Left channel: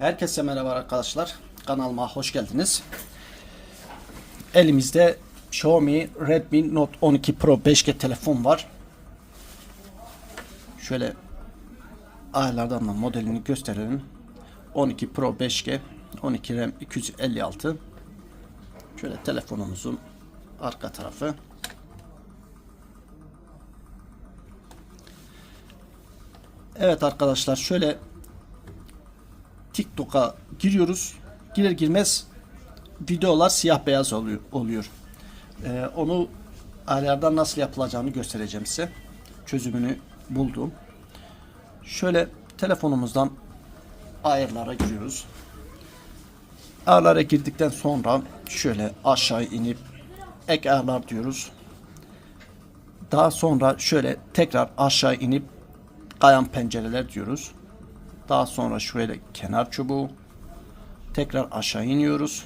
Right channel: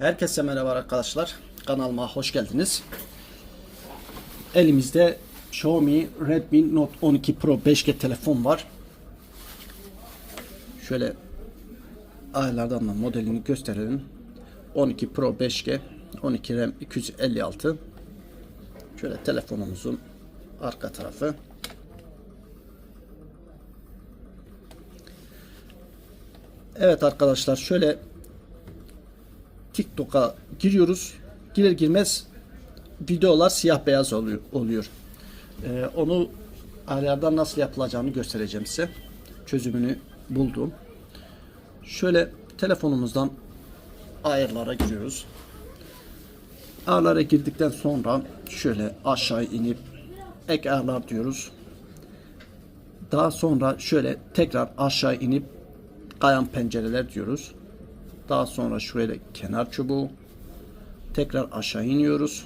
Herkese merhaba arkadaşlar. Kanalıma hoş geldiniz. Elimizde Xiaomi Redmi Note 12 Pro 5G telefon var. Şöyle ayarlardan da modelini gösterelim. 12 Pro 5G 12 RAM 256 Şöyle telefonumuzun arka tarafı. Evet arkadaşlar şöyle TikTok'a giriyoruz. Girer girmez videolar siyah beyaz oluyor. Ee, onu ayarlardan nasıl yapılacağını göstereceğim size. Çözümünü buldum. Şöyle telefonumuzdan ayarlara giriyoruz. Ayarlara girdikten sonra şöyle aşağı inip ek ayarlar diyoruz. Daha sonra şöyle tekrar aşağı inip kayan pencereler diyoruz. Daha sonra şöyle kenar çubuğu. Tekrar aşağı iniyoruz.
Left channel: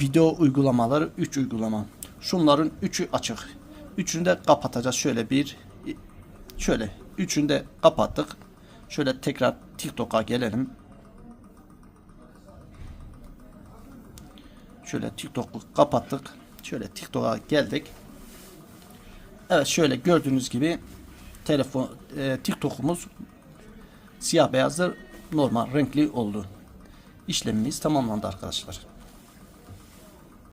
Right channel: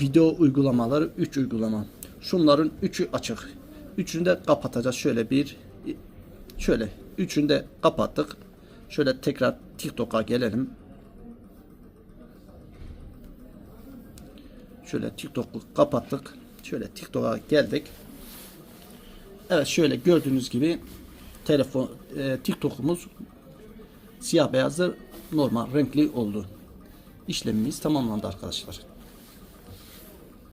Video uygulamaları 3 uygulama. Şunların 3'ü açık. Üçünü de kapatacağız. Şöyle bir şöyle üçünü de kapattık. Şöyle tekrar TikTok'a gelelim. Şöyle TikTok'u kapattık. Şöyle TikTok'a geldik. Evet şöyle gördüğünüz gibi telefon e, TikTok'umuz siyah beyazdır normal renkli oldu. İşlemimiz tamamlandı arkadaşlar.